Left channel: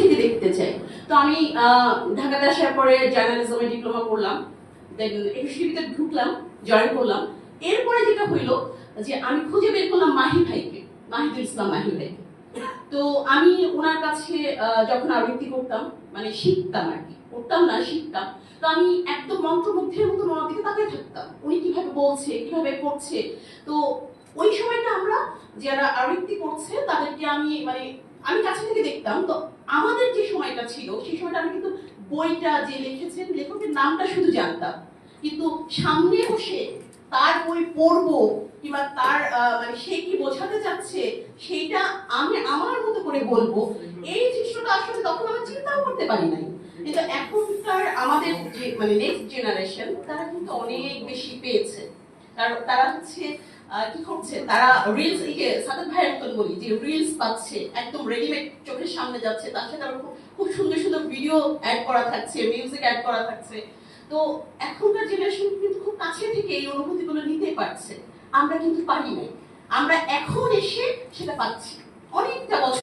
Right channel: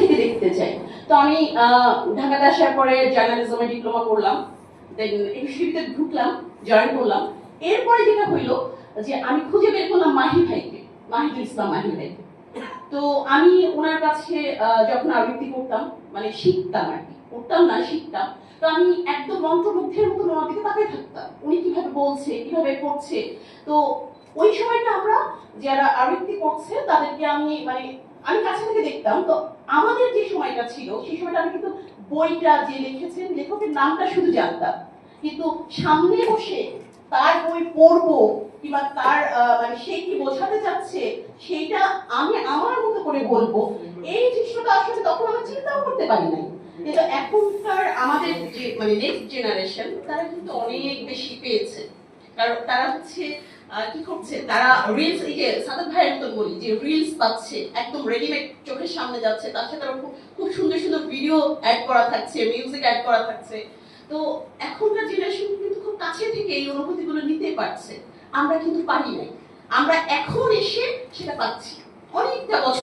থেকে দেখতে চাই। তো আমি ঢাকাতে আসার পরে জার্নালিজমে ডিপ্লোমা করলাম, দেন একুশে টিভিতে ঢুকলাম, জয়েন করলাম। এরপরে যেটা হইলো যে আমি খুঁজে বের করলাম মাহি ভাইকে, মাহিদুল ইসলাম মাহি ভাইকে। তো আমি ওনার কাছে যখন আবৃত্তি করতাম, মানে শিখতাম আর কি, করতাম না শিখতাম, তো আমি একদম মন্ত্রমুগ্ধের মতো ওনার দিকে তাকিয়ে থাকতাম, উনি কিভাবে বলছে কিভাবে করছে। তো ওই সময়টা আমরা যারা আবৃত্তি করছে তাদেরকে আমি মানে আমি কাছে থেকে দেখতাম। তো আমাদের যে সময়টা ছিল সেই সময়টা আমি কিন্তু বইটা যে লিখেছেন লেখকের নামটা শুধু জানতাম, কিন্তু সামনে বসে তার বই পড়বো কিংবা তার মানে সে কি বোঝাতে চাচ্ছে সেইটা আমি আমার মতো করে বলবো, এই জিনিসটা আসলে তখন আমরা চিন্তাও করতে পারি নাই। কিন্তু এখনকার আমাদের যে মানে নেক্সট জেনারেশন তারা কিন্তু অনেক বেশি পেয়েছে, কারণ তারা হচ্ছে কি করছে, তারা রিলস, এই যে সাদাত ভাইয়ের মতন বলি যে রিলস পাচ্ছে একদম রেডিমেড চোখের সামনে যাচ্ছে, তার সাথে আবার খুব সুন্দর সুন্দর ভিডিও অ্যাড করা থাকছে, মিউজিক অ্যাড করা থাকছে। তো এখনকার জেনারেশন কিন্তু খুব কাছে থেকে এই অনুভূতিগুলো নিতে পারছে, আমরা কিন্তু পারি নাই। আমরা এখন এসে সেটা পাচ্ছি অনেকটা বছর